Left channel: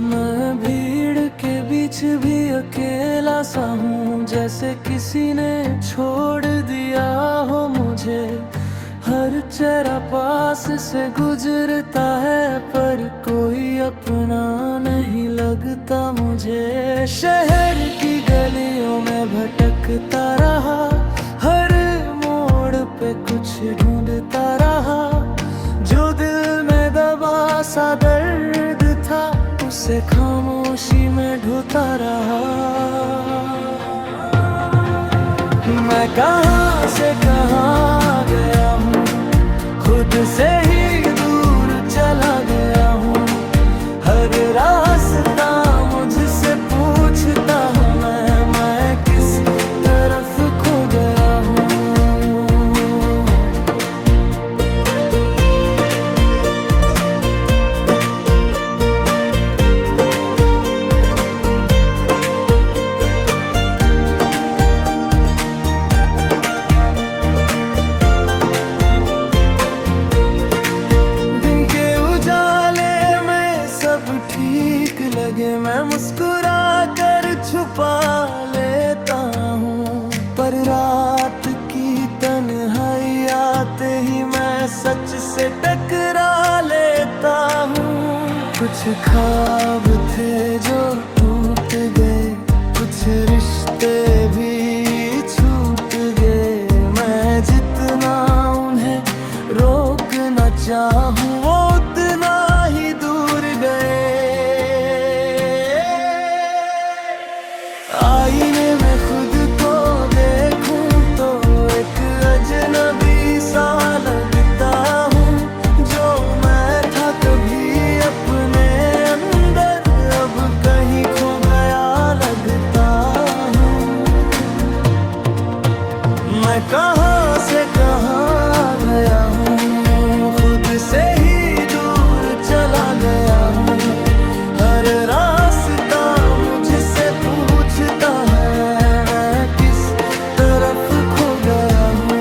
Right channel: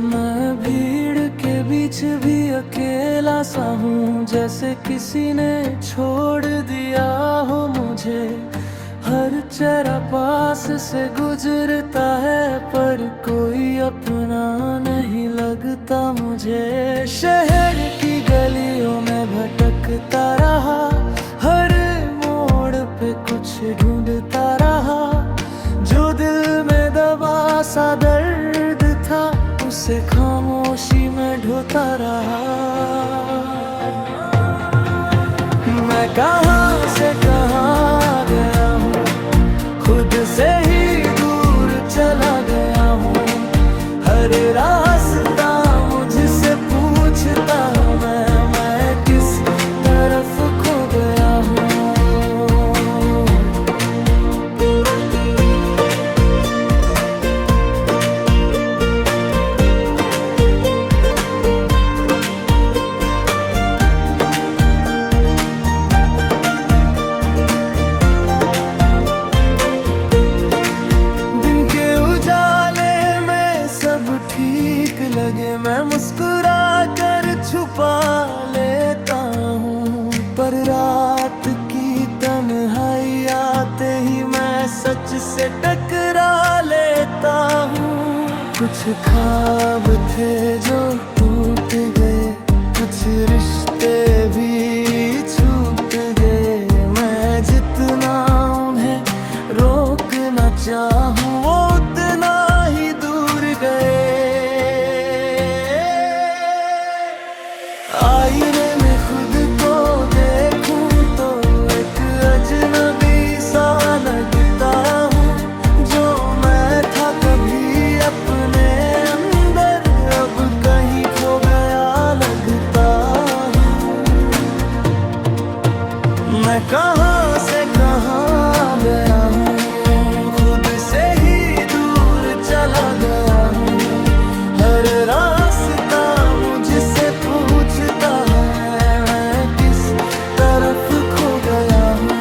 मैं भीड़ के बीच भी अकेला सा हूँ, जैसे किसी ने छोड़ दिया हो मुझे। हर चेहरा पास से गुजरता है, पर कोई अपना नहीं लगता मुझे। शहर की गलियों में भटकता रहा, हर मोड़ पे कुछ ढूंढता रहा। जो दिल में दबा सा दर्द था, उसे खामोशी में ढोता रहा। मैं कहाँ से कहाँ गया हूँ, खुद से ही दूर चला गया हूँ। हर रास्ता मुझसे पूछता है, मैं किस तरफ खो गया हूँ। सब ठीक लगे मैं मुस्कुरा कर छुपा लेता हूँ, पर रात की तन्हाई आते ही मैं सच से टकरा लेता हूँ। कुछ ख्वाब थे जो टूट गए, कुछ रिश्ते भी छूट गए। मैं जितना उन्हें रोकना चाहूँ, वो उतना ही दूर गए। आईने में खुद को देखूं तो एक अजनबी सा लगता हूँ। जो मैं था कभी अपने अंदर, अब कहीं खो गया लगता हूँ। मैं कहाँ से कहाँ गया हूँ, खुद से ही दूर चला गया हूँ। हर रास्ता मुझसे पूछता है, मैं किस तरफ खो गया हूँ।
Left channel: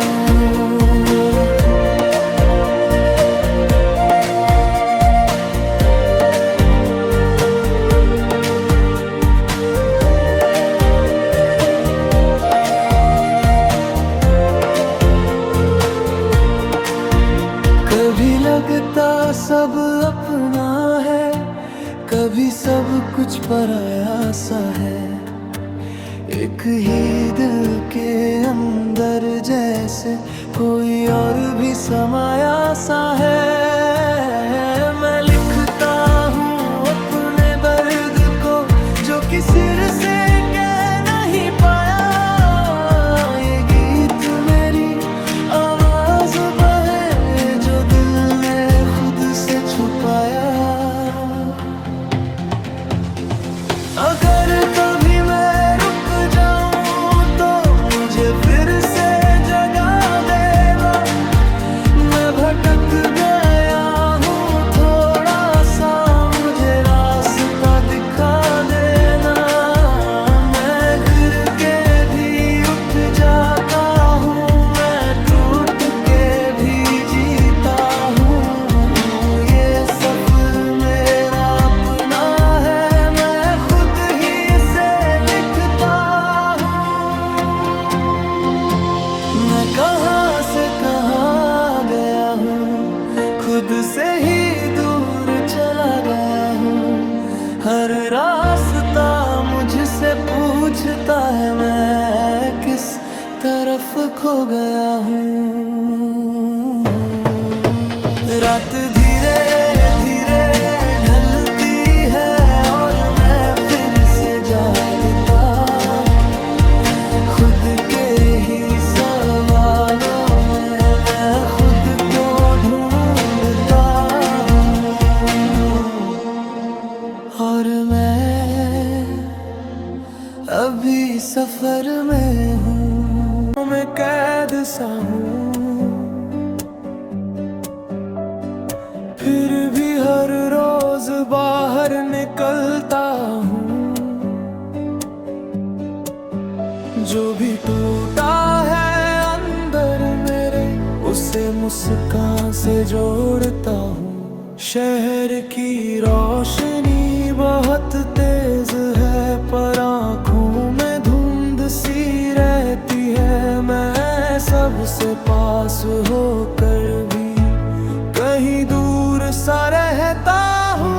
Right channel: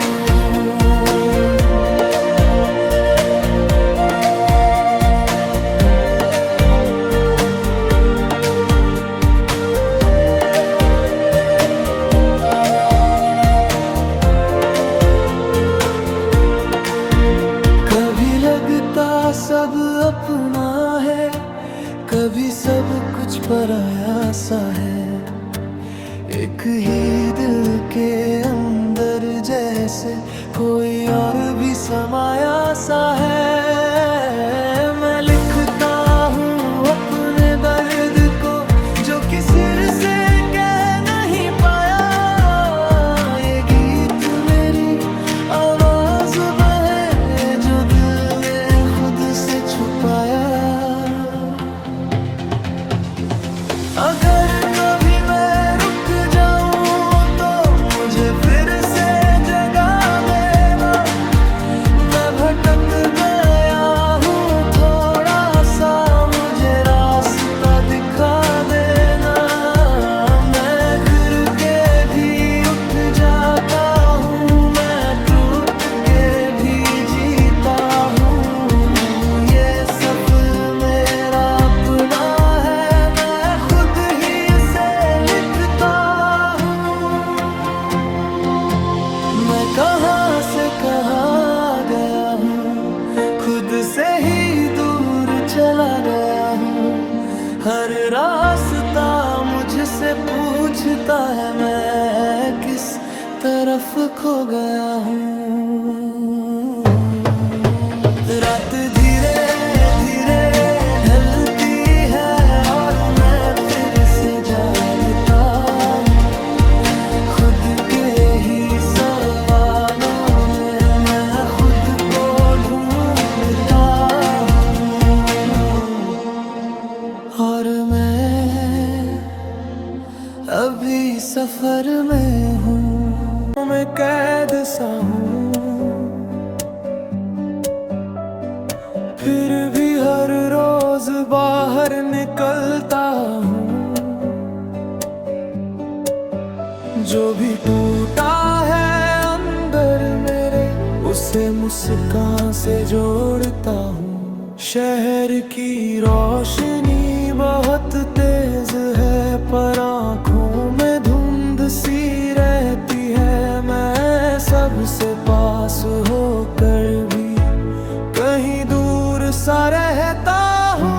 कभी लगता सब अपना है, कभी सब कुछ पराया सा है। एक ही दिल के अंदर जैसे कोई और भी समाया सा है। मैं लिखता हूँ अपने दर्द को, जो किसी से कह नहीं पाया। ये गीत मेरी आवाज बहे, जो दिल ने खुद से छुपाया। अगर कभी मैं रुक जाऊं तो मुझे फिर से जगा देना। मैं भटक गया हूँ थोड़ा सा, मुझे रास्ता दिखा देना। मैं गिर के भी उठ जाता हूँ, मैं टूट के भी जीता हूँ। ये सफर मेरा अपना है, मैं कहाँ से कहाँ गया हूँ, खुद से ही दूर चला गया हूँ। हर रास्ता मुझसे पूछता है, मैं किस तरफ खो गया हूँ। रात धीरे धीरे ढलती है और मैं फिर से जागता हूँ। खुद के ही सवालों में मैं खुद को ढूंढता हूँ, और मैं अभी सफर में हूँ। मैं कैद सा हूँ, फिर भी हर रोज बाहर निकलता हूँ। जो भी टूटा है अंदर मेरे, उसे मुस्कान से जोड़ता हूँ। शहर की रोशनी बहुत पर आँखों में धुंध सी रहती है। मैं सबसे पास होकर भी कहीं दूर सा रहता हूँ।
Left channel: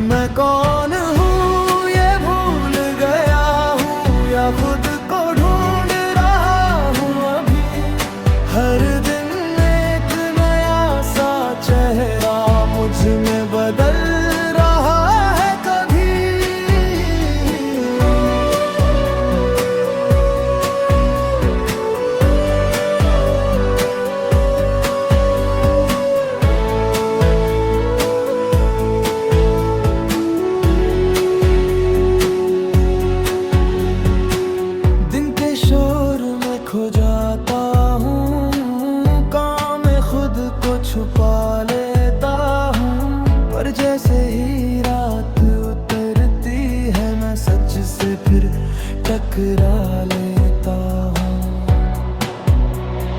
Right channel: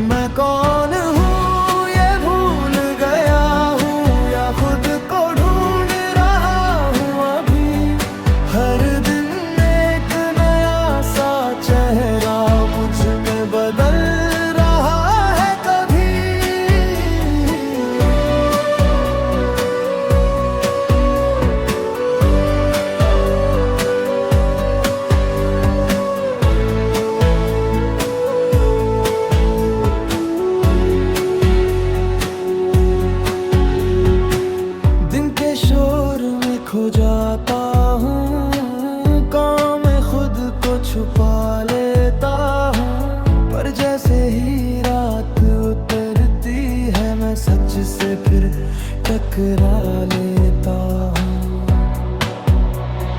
मैं कौन हूँ ये भूल गया हूँ, या खुद को ढूंढ रहा हूँ अभी। हर दिन एक नया सा चेहरा मुझ में बदल रहा है कभी। दिन के शोर में खो जाता हूँ, काम में खुद को छुपा लेता हूँ। पर जैसे ही रात उतरती है, मैं सच से फिर टकरा लेता हूँ।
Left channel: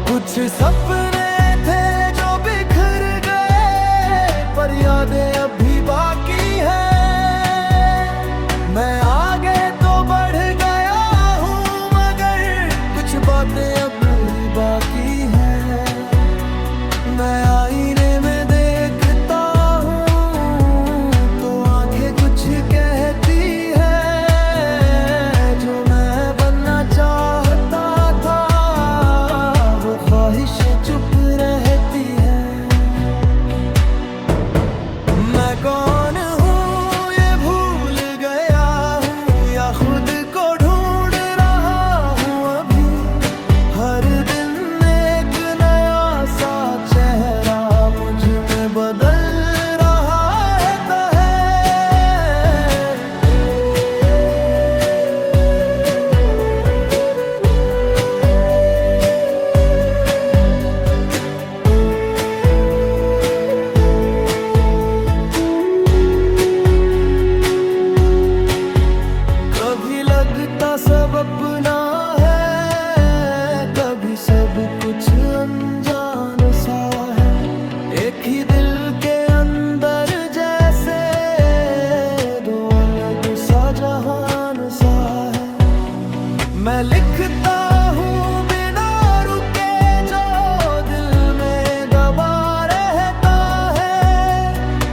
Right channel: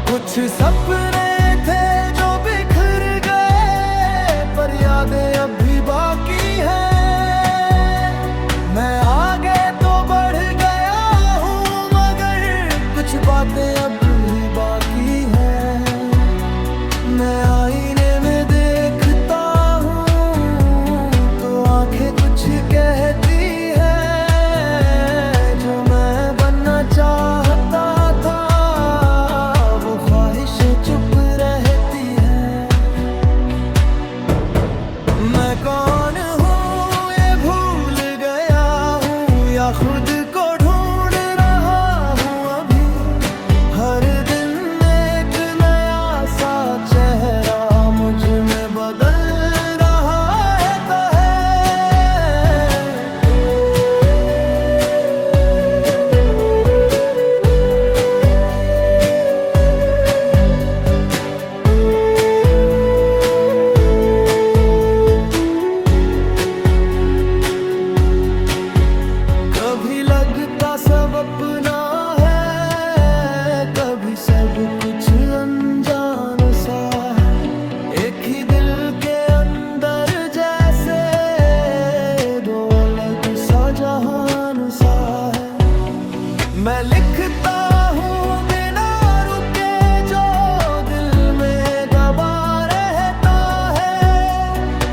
कुछ सपने थे जो बिखर गए, पर यादें अभी बाकी हैं। मैं आगे तो बढ़ गया हूँ, मगर कुछ बातें अब भी बाकी हैं। मैं आईने में देखता हूँ तो आंखें कुछ कहती है। जो मैं बनना चाहता था, वो ख्वाहिशें चुप रहती है। मैं कौन हूँ ये भूल गया हूँ, या खुद को ढूंढ रहा हूँ अभी। हर दिन एक नया सा चेहरा मुझ में बदल रहा है तहे। कभी लगता सब अपना है, कभी सब कुछ अनजान सा है। एक ही दिल के अंदर जैसे दो अलग सा जहान सा है। मैं लिखता हूँ बिना रुके जो दिल में दबा रहता है।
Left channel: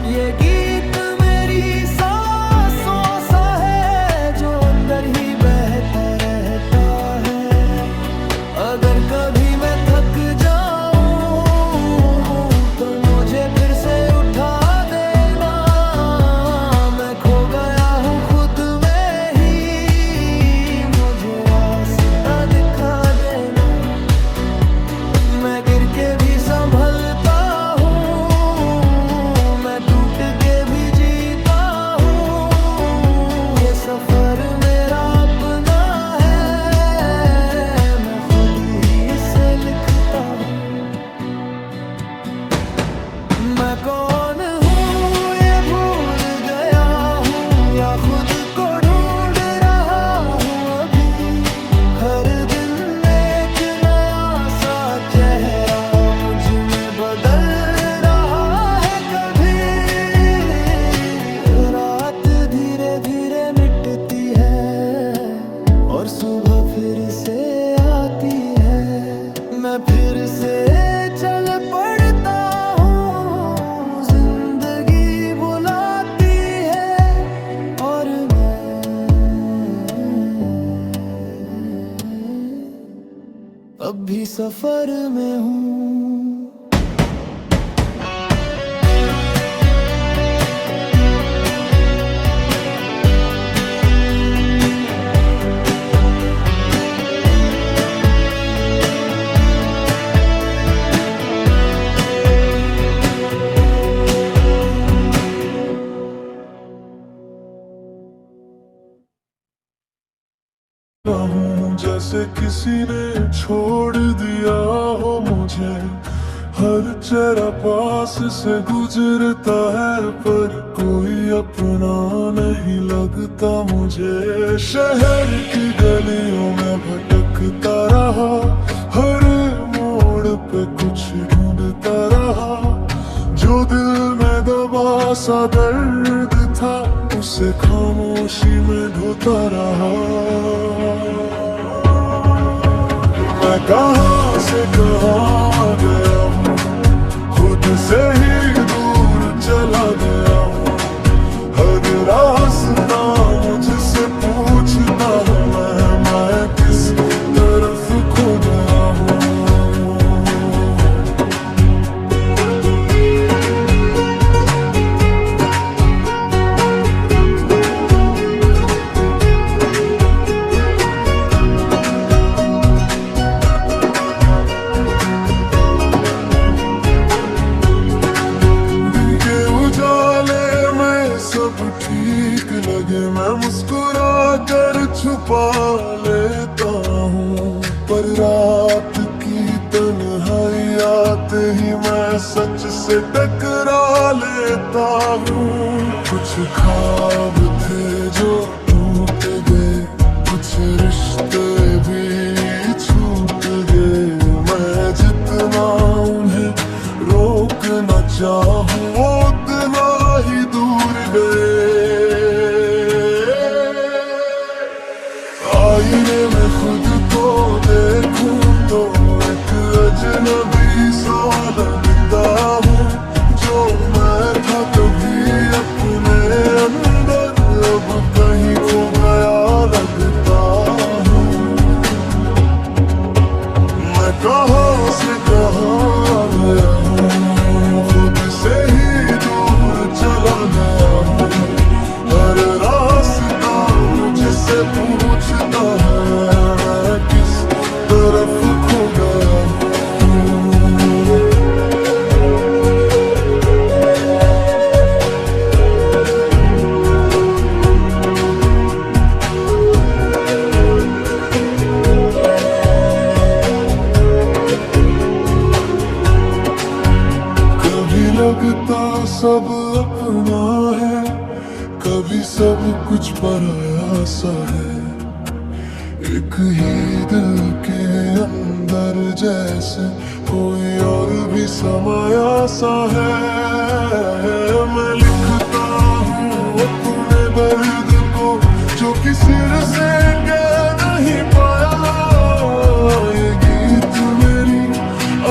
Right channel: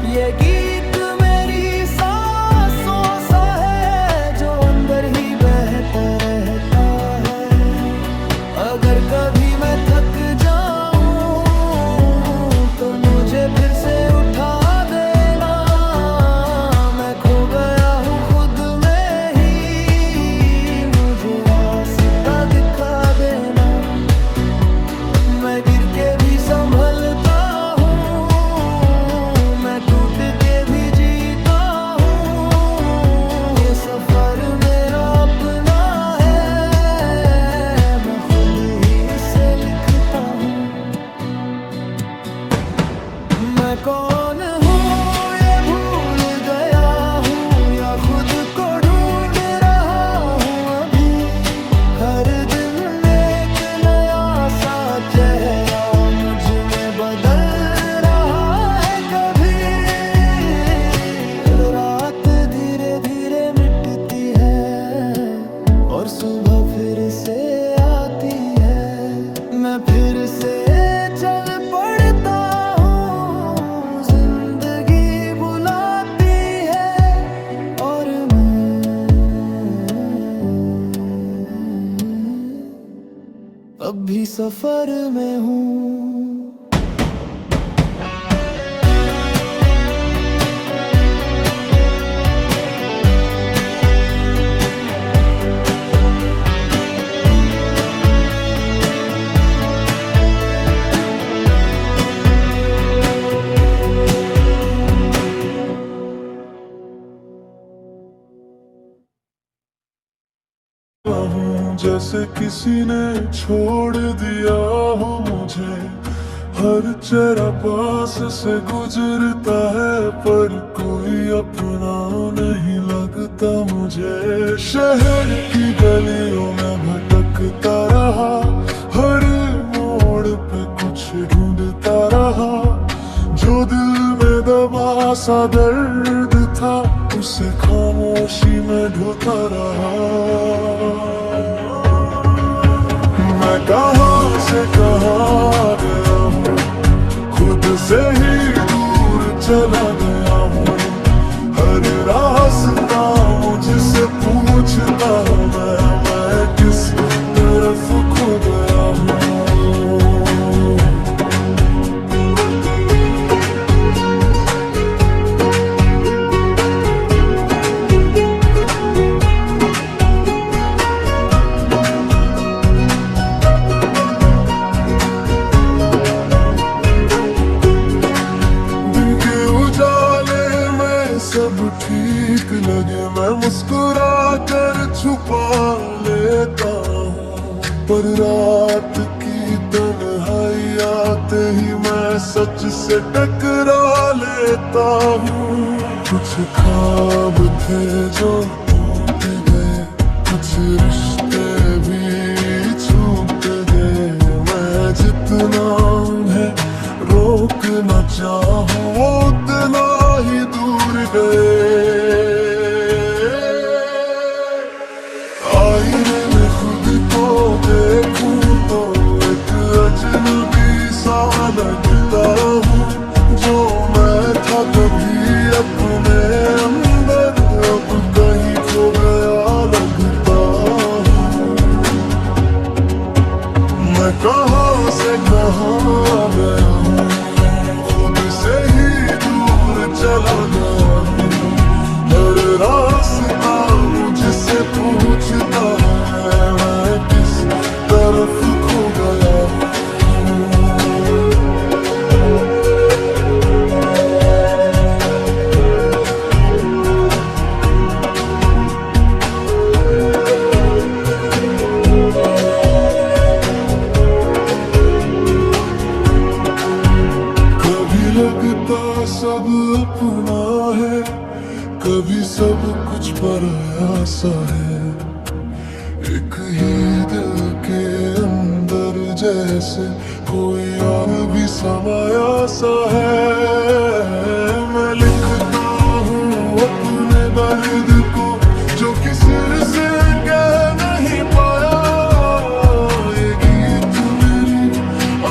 ये गीत मेरी सांसों सा है, जो अंदर ही बहता रहता है। अगर कभी मैं थक जाऊं तो मुझे फिर से उठा देना। मैं खो गया हूँ खुद में ही, मुझे रास्ता दिखा देना। मैं गिर के भी संभलता हूँ, मैं टूट के भी जीता हूँ। ये सफर मेरा अपना है, मैं खुद ही इसे लिखता हूँ। मैं कौन हूँ ये भूल गया हूँ, या खुद को ढूंढ रहा हूँ अभी। हर दिन एक नया सा चेहरा मुझ में बदल रहा है कभी। रात धीरे धीरे मिटती है और सुबह फिर से आती है। मैं फिर से चल पड़ता हूँ, जिंदगी बुलाती है और मैं अब भी सफर में हूँ। हूँ जैसे किसी ने छोड़ दिया हो मुझे। हर चेहरा पास से गुजरता है, पर कोई अपना नहीं लगता मुझे। शहर की गलियों में भटकता रहा, हर मोड़ पे कुछ ढूंढता रहा। जो दिल में दबा सा दर्द था, उसे खामोशी में ढूंढता रहा। मैं कहाँ से कहाँ गया हूँ, खुद से ही दूर चला गया हूँ। हर रास्ता मुझसे पूछता है, मैं किस तरफ खो गया हूँ। सब ठीक लगे मैं मुस्कुरा कर छुपा लेता हूँ, पर रात की तन्हाई आते ही मैं सच से टकरा लेता हूँ। कुछ ख्वाब थे जो टूट गए, कुछ रिश्ते भी छूट गए। मैं जितना उन्हें रोकना चाहूँ उतना ही दूर आईने में खुद को देखूं तो एक अजनबी सा लगता हूँ। जो मैं था कभी अपने अंदर, अब कहीं खो गया लगता हूँ। मैं कहाँ से कहाँ गया हूँ, खुद से ही दूर चला गया हूँ। हर रास्ता मुझसे पूछता है, मैं किस तरफ खो गया हूँ। कभी लगता सब अपना है, कभी सब कुछ पराया सा है। एक ही दिल के अंदर जैसे कोई और भी समाया सा है। मैं लिखता हूँ अपने दर्द को जो किसी से कह नहीं पाया। ये गीत मेरी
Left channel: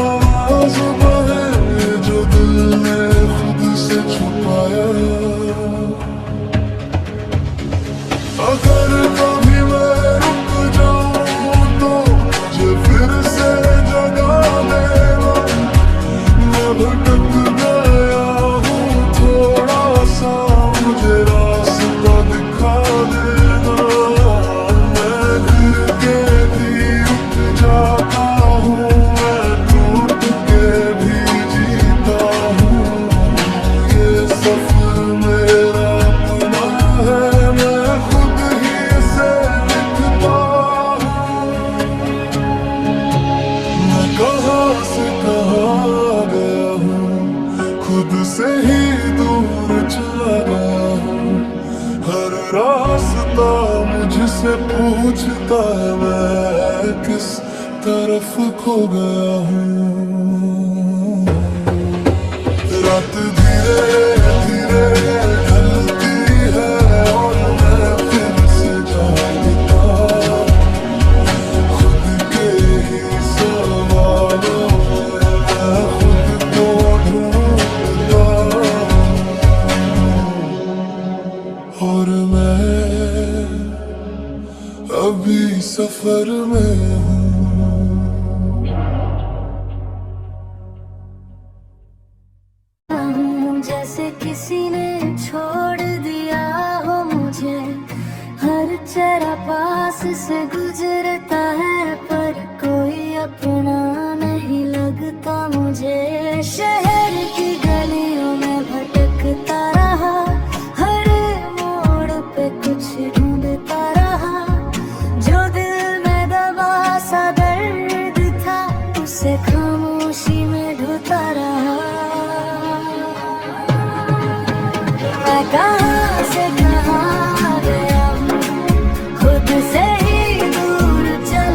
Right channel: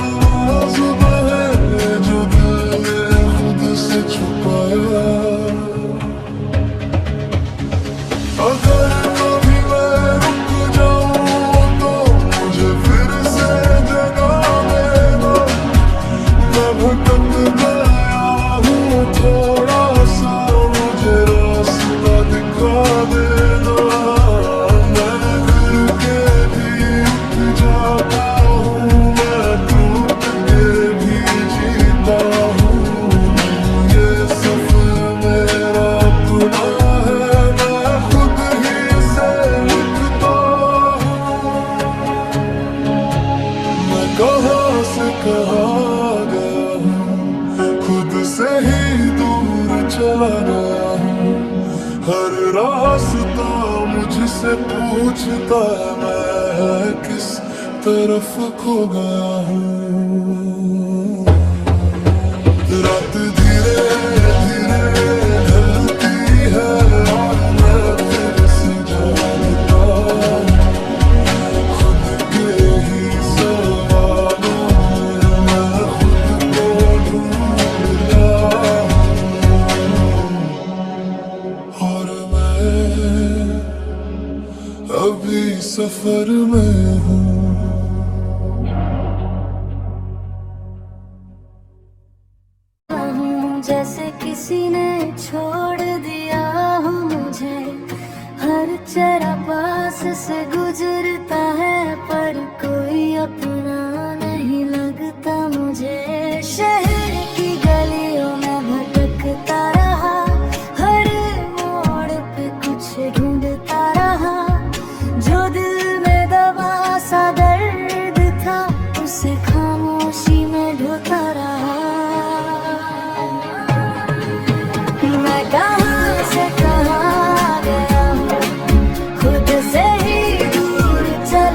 आवाज़ है जो दिल ने खुद से छुपाया। अगर कभी मैं रुक जाऊं तो मुझे फिर से जगा देना। मैं भटक गया हूँ थोड़ा सा, मुझे रास्ता दिखा देना। मैं गिर के भी उठ जाता हूँ, मैं टूट के भी जीता हूँ। ये सफर मेरा अपना है, मैं खुद ही से लिखता हूँ। मैं कहाँ से कहाँ गया हूँ, खुद से ही दूर चला गया हूँ। हर रास्ता मुझसे पूछता है, मैं किस तरफ खो गया हूँ। रात धीरे धीरे ढलती है और मैं फिर से जागता हूँ। खुद के ही सवालों में मैं खुद को ढूंढता हूँ। और मैं अभी सफर में हूँ। जैसे किसी ने छोड़ दिया हो मुझे, हर चेहरा पास से गुजरता है पर कोई अपना नहीं लगता मुझे। शहर की गलियों में भटकता रहा, हर मोड़ पे कुछ ढूंढता रहा। जो दिल में दबा सा दर्द था, उसे खामोशी में ढूंढता रहा। मैं कहाँ से कहाँ गया हूँ, खुद से ही दूर चला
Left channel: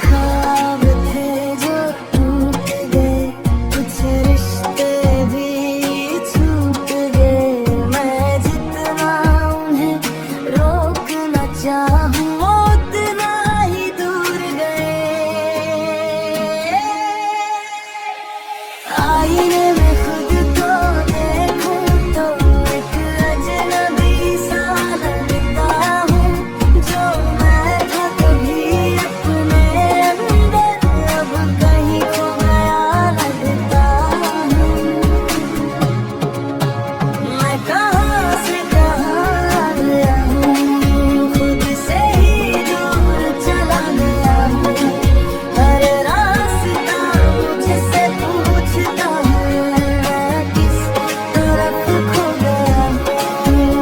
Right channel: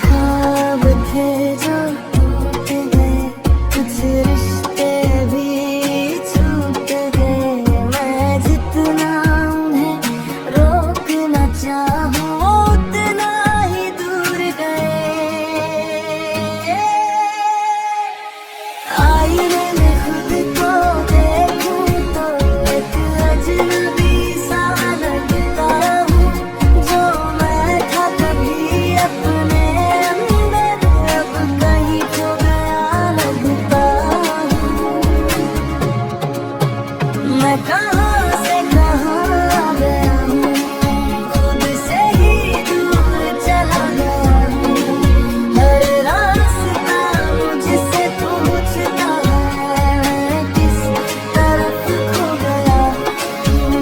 ख्वाब थे जो टूट गए, कुछ रिश्ते भी छूट गए। मैं जितना उन्हें रोकना चाहूं उतना ही दूर गए। आईने में खुद को देखूं तो एक अजनबी सा लगता हूँ। जो मैं था कभी अपने अंदर अब कहीं खो गया लगता हूँ। मैं कहाँ से कहाँ आ गया हूँ, खुद से ही दूर चला गया हूँ। हर रास्ता मुझसे पूछता है मैं किस तरफ खो गया हूँ।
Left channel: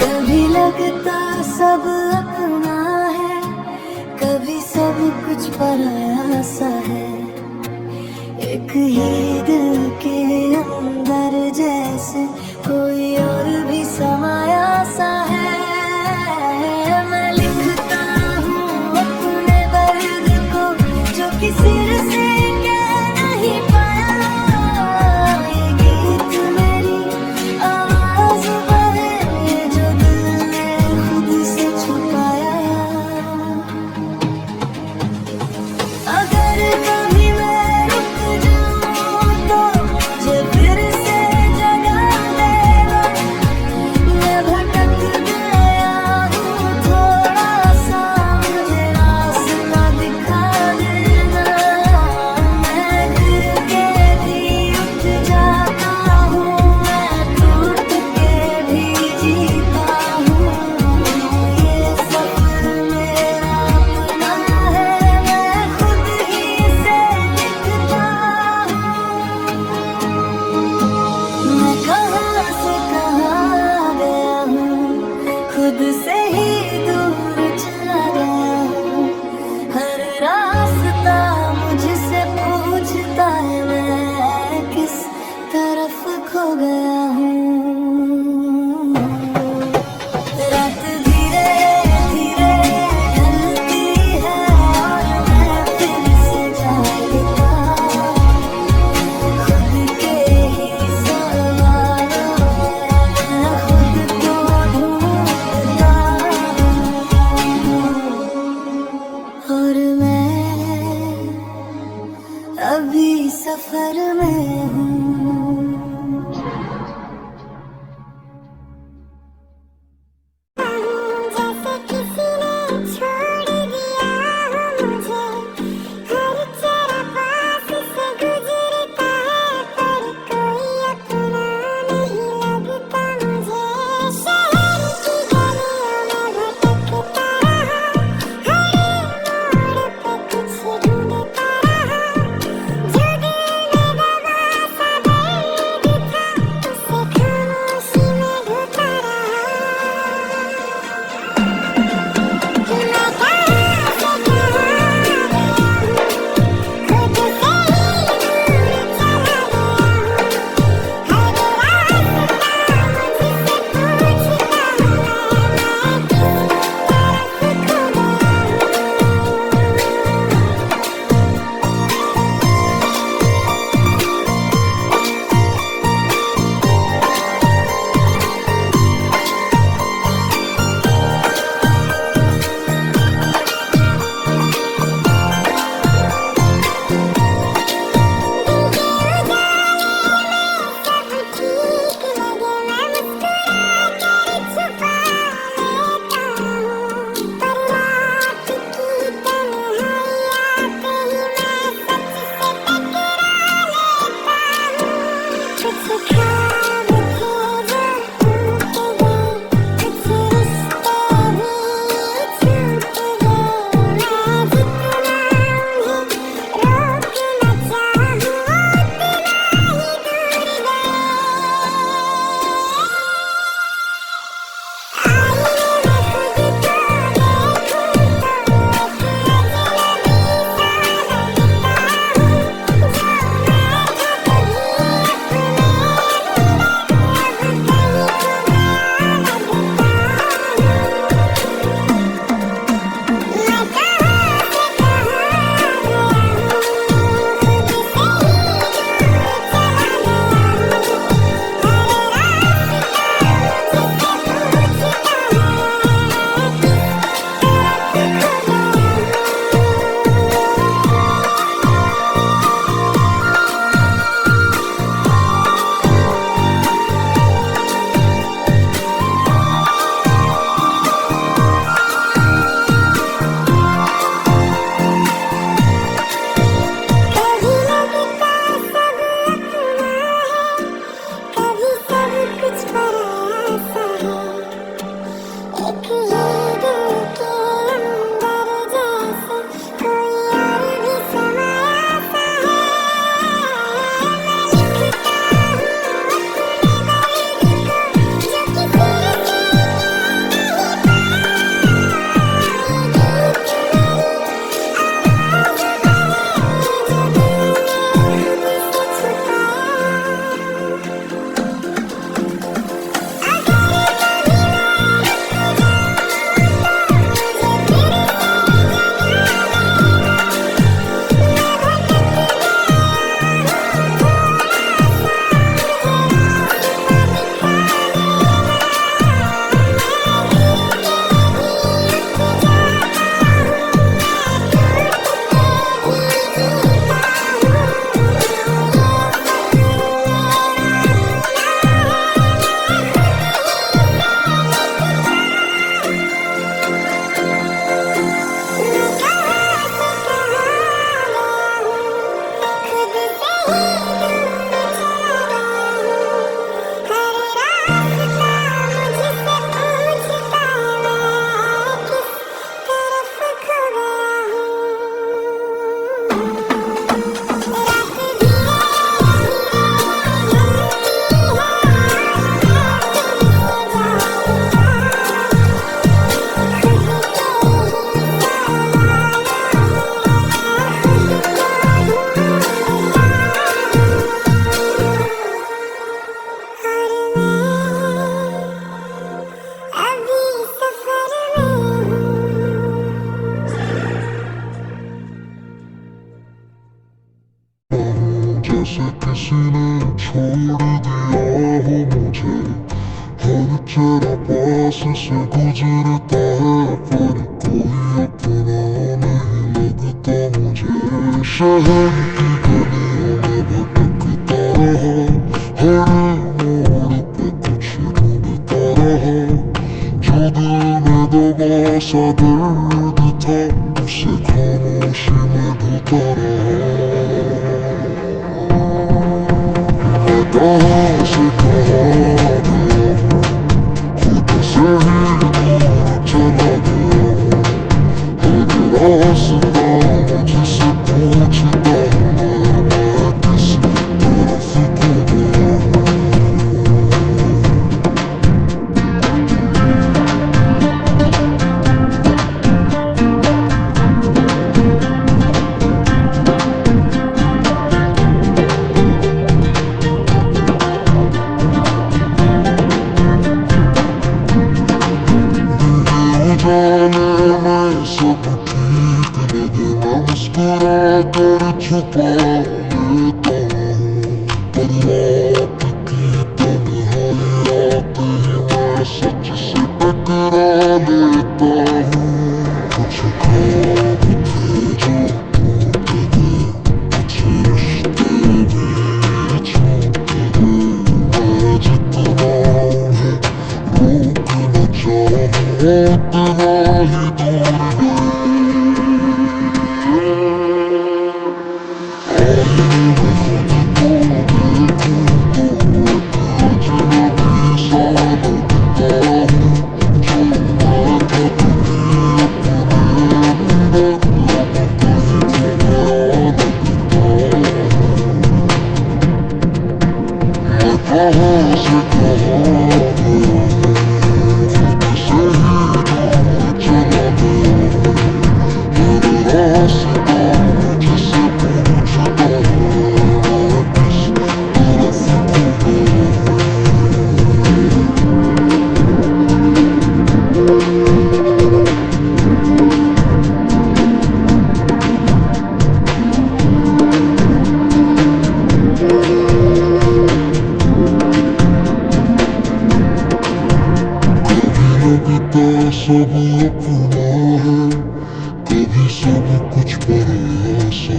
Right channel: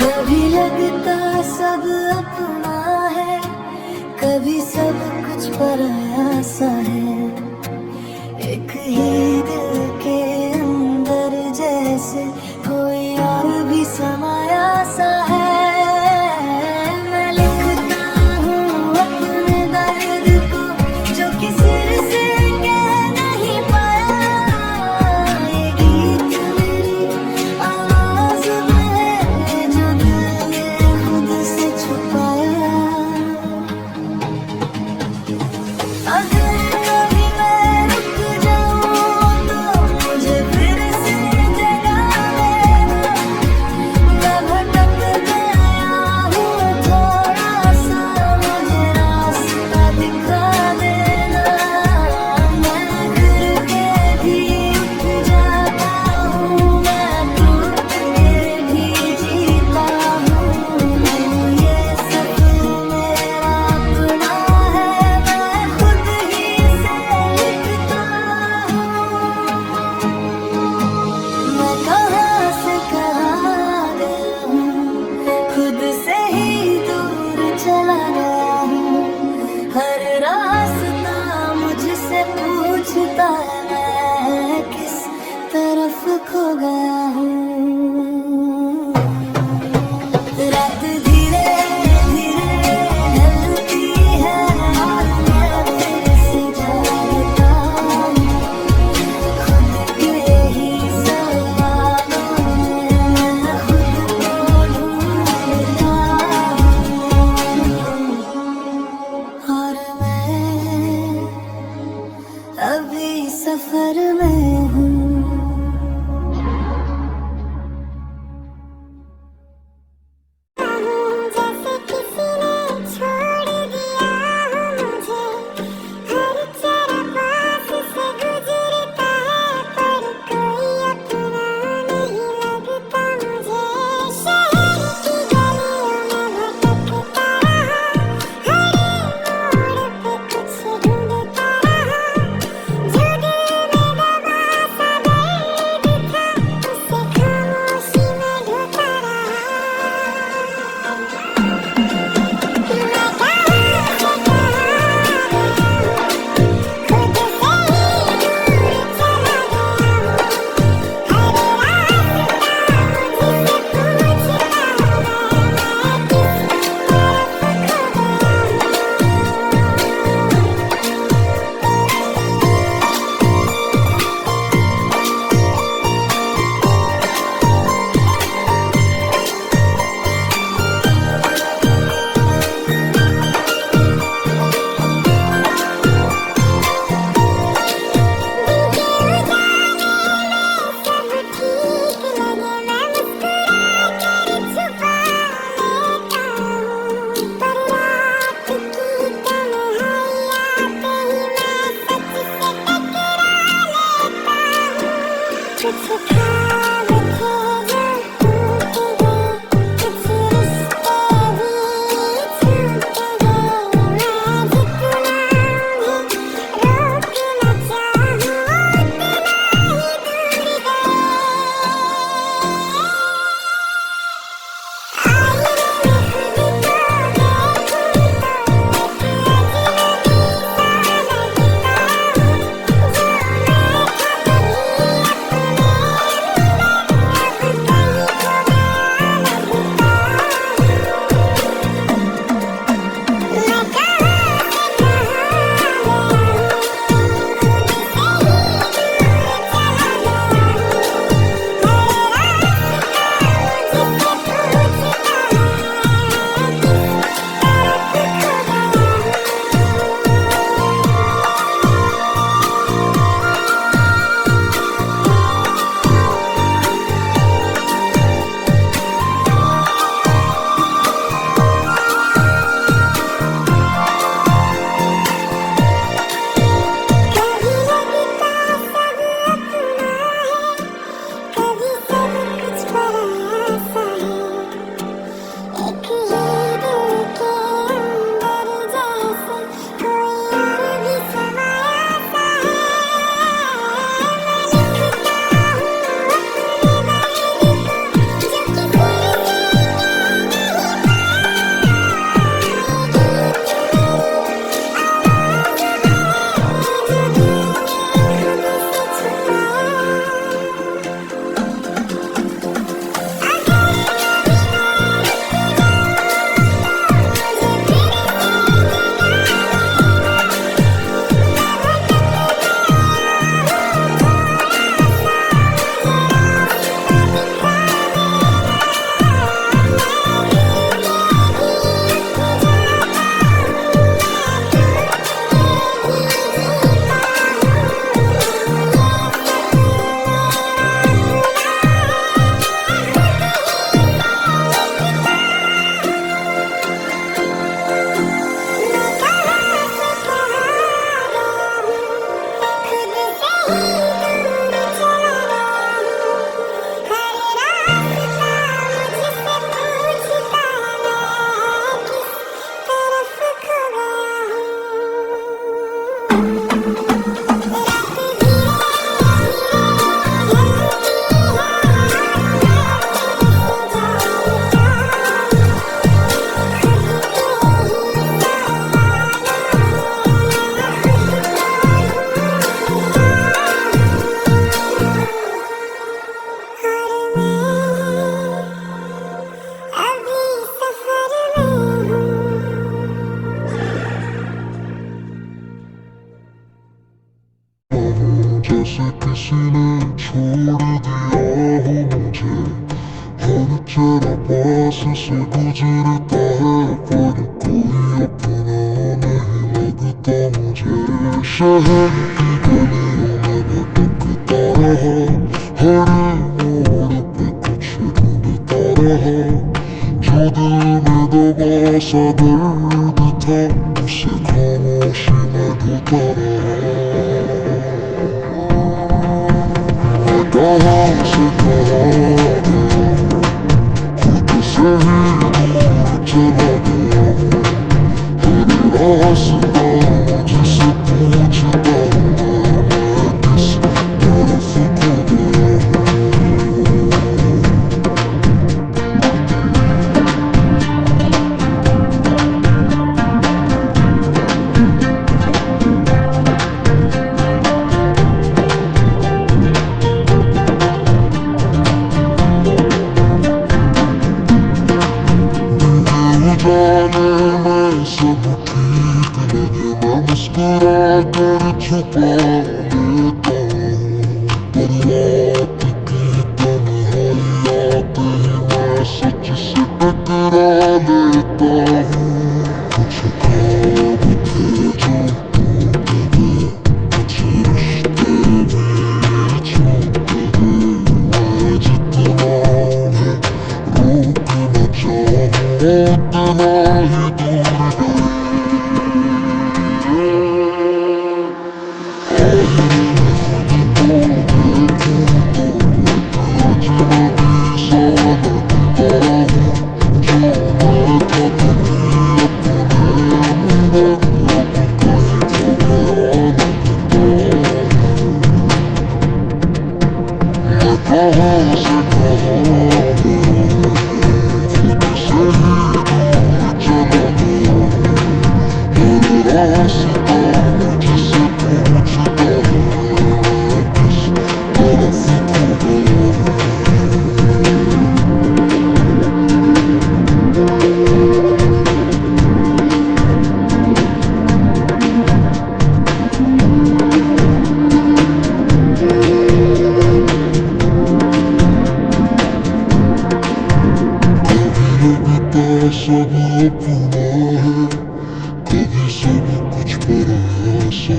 कभी लगता सब अपना है, कभी सब कुछ पराया सा है। एक ही दिल के अंदर जैसे कोई और भी समाया सा है। मैं लिखता हूँ अपने दर्द को जो किसी से कह नहीं पाया। ये गीत मेरी आवाज़ में है जो दिल ने खुद से छुपाया। अगर कभी मैं रुक जाऊं तो मुझे फिर से जगा देना। मैं भटक गया हूँ थोड़ा सा, मुझे रास्ता दिखा देना। मैं गिर के भी उठ जाता हूँ, मैं टूट के भी जीता हूँ। ये सफर मेरा अपना है, मैं खुद ही से लिखता हूँ। मैं कहाँ से कहाँ आ गया हूँ, खुद से ही दूर चला गया हूँ। हर रास्ता मुझसे पूछता है मैं किस तरफ खो गया हूँ। रात धीरे धीरे ढलती है और मैं फिर से जागता हूँ। खुद के ही सवालों में मैं खुद को ढूंढता हूँ। और मैं अभी सफर में हूँ। जैसे किसी ने छोड़ दिया हो मुझे, हर चेहरा पास से गुजरता है पर कोई अपना नहीं लगता मुझे। शहर की गलियों में भटकता रहा, हर मोड़ पे कुछ ढूंढता रहा। जो दिल में दबा सा दर्द था उसे खामोशी में ढोता रहा। मैं कहाँ से कहाँ आ गया हूँ, खुद से ही दूर चला गया हूँ। हर रास्ता मुझसे पूछता है मैं किस तरफ खो सब ठीक लगे मैं मुस्कुरा कर छुपा लेता हूँ। पर रात की तन्हाइयाँ पे ही मैं सच से टकरा लेता हूँ। कुछ ख्वाब थे जो टूट गए, कुछ रिश्ते भी छूट गए। मैं जितना उन्हें रोकना चाहूं उतना ही दूर गए। आईने में खुद को देखूं तो किसी ने छोड़ दिया हो मुझे, हर तेरा पास से गुजरता है पर कोई अपना नहीं लगता मुझे। शहर की गलियों में भटकता रहा, हर मोड़ पे कुछ ढूंढता रहा, जो दिल में दबा सा दर्द था उसे खामोशी में ढूंढता रहा। कहाँ से कहाँ गया, खुद से ही चला गया, रास्ता जिसे पहुँचता है किस तरफ को गया। जाने में सब ठीक, लेकिन मैं मुस्कुरा कर छुपा लेता हूँ, पर रात की तन्हाई आते मैं सच से टकरा लेता हूँ। कुछ ख्वाब थे जो टूट गए, कुछ रिश्ते मेरे छूट गए, मैं जितना है रूठ न जाऊँ उतना ही दूर सब अपना है, कभी सब कुछ पराया है,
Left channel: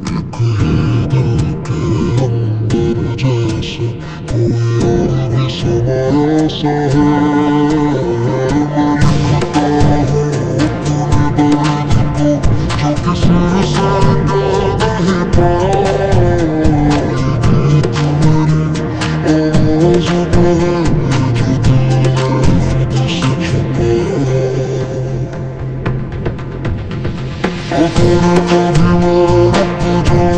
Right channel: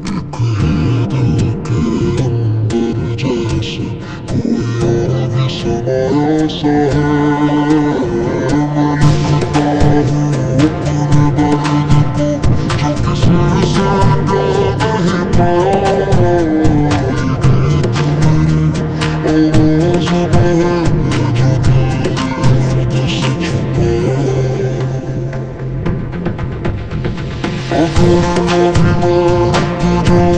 एक ही दिल के अंदर जैसे कोई और भी समाया सा है। लिखता हूँ अपने दर्द को जो किसी से नहीं पाया, ये गीत मेरी आवाज़ है जो दिल में से छुपाया। अगर कभी मैं रुक जाऊँ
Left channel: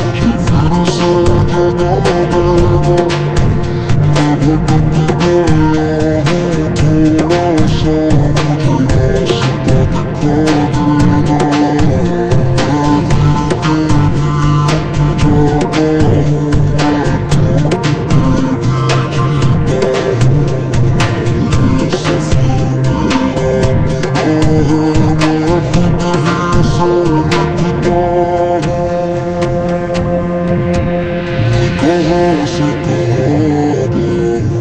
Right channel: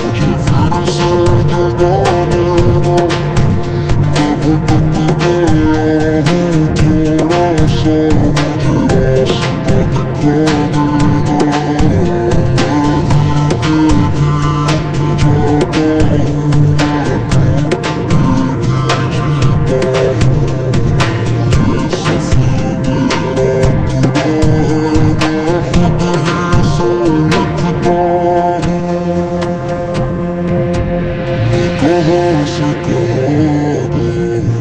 मुझे फिर से देना लेना, मैं भटक गया हूँ थोड़ा सा, मुझे रास्ता दिखा देना। मैं जाता हूँ, मैं टूट के भी जीता हूँ, ये सफर मेरा अपना है, से लिखता हूँ। कहाँ से कहाँ गया,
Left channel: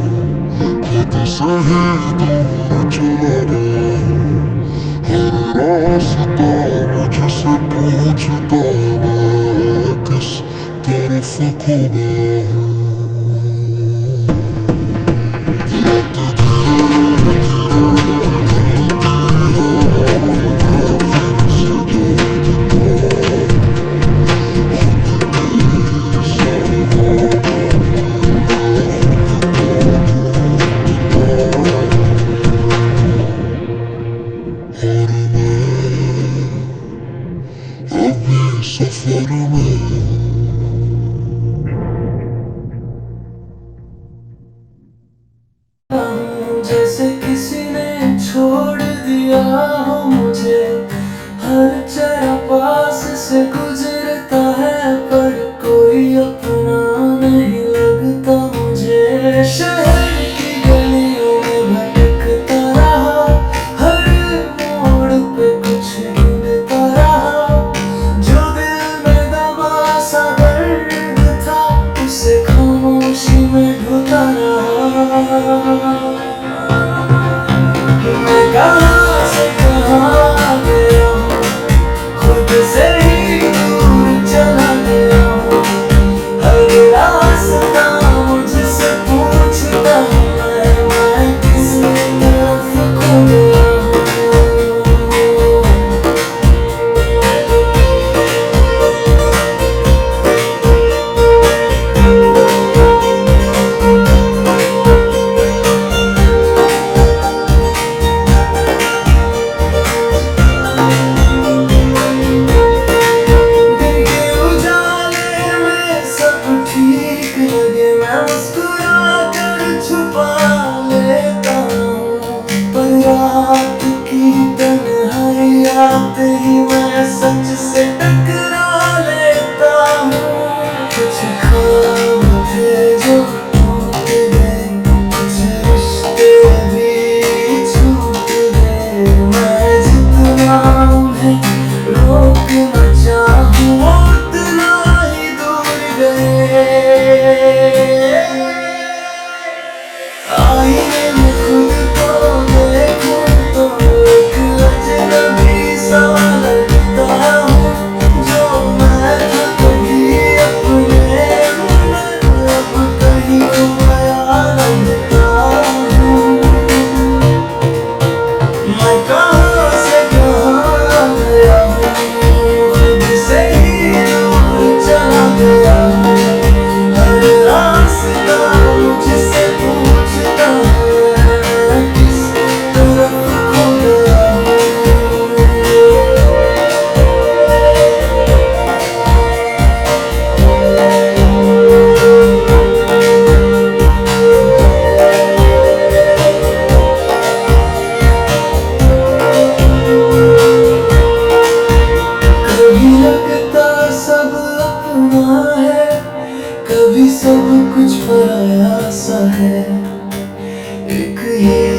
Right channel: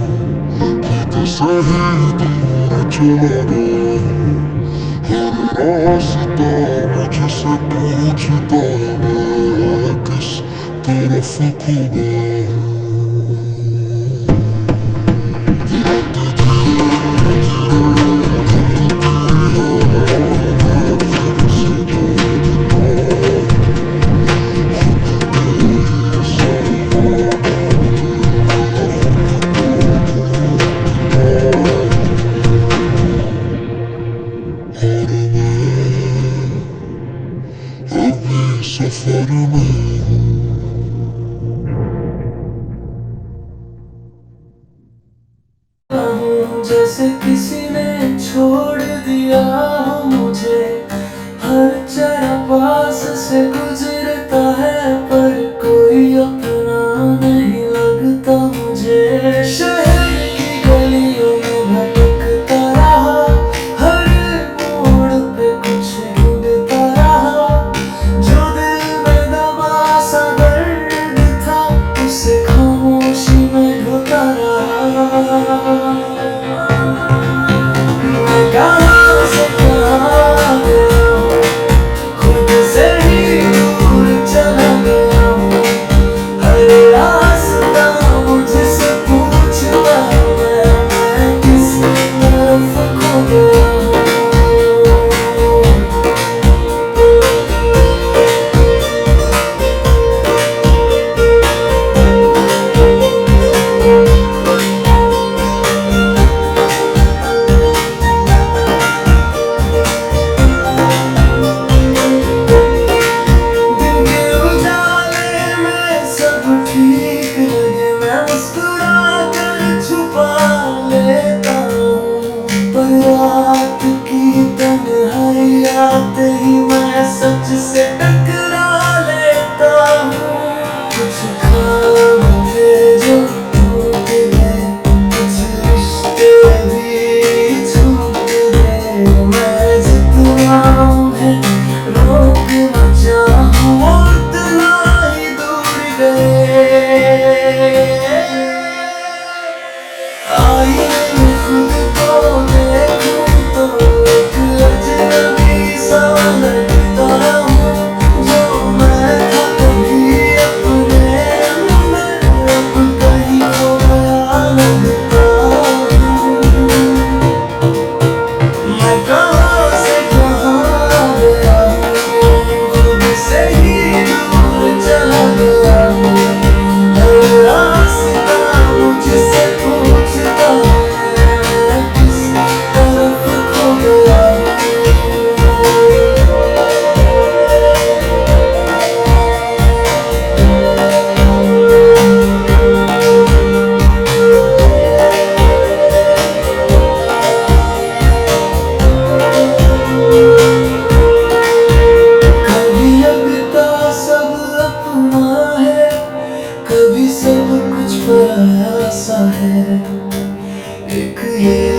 खुद से ही दूर चला गया, हर रास्ता मुझसे पूछता है किस तरफ को गया। अपने सफर में जैसे किसी ने छोड़ दिया हो मुझे, हर चेहरा पास से गुजरता है पर कोई अपना नहीं लगता मुझे। शहर की गलियों में भटकता रहा, हर मोड़ पे कुछ ढूंढता रहा, जो दिल में दबा कुछ पराया सा है, एक ही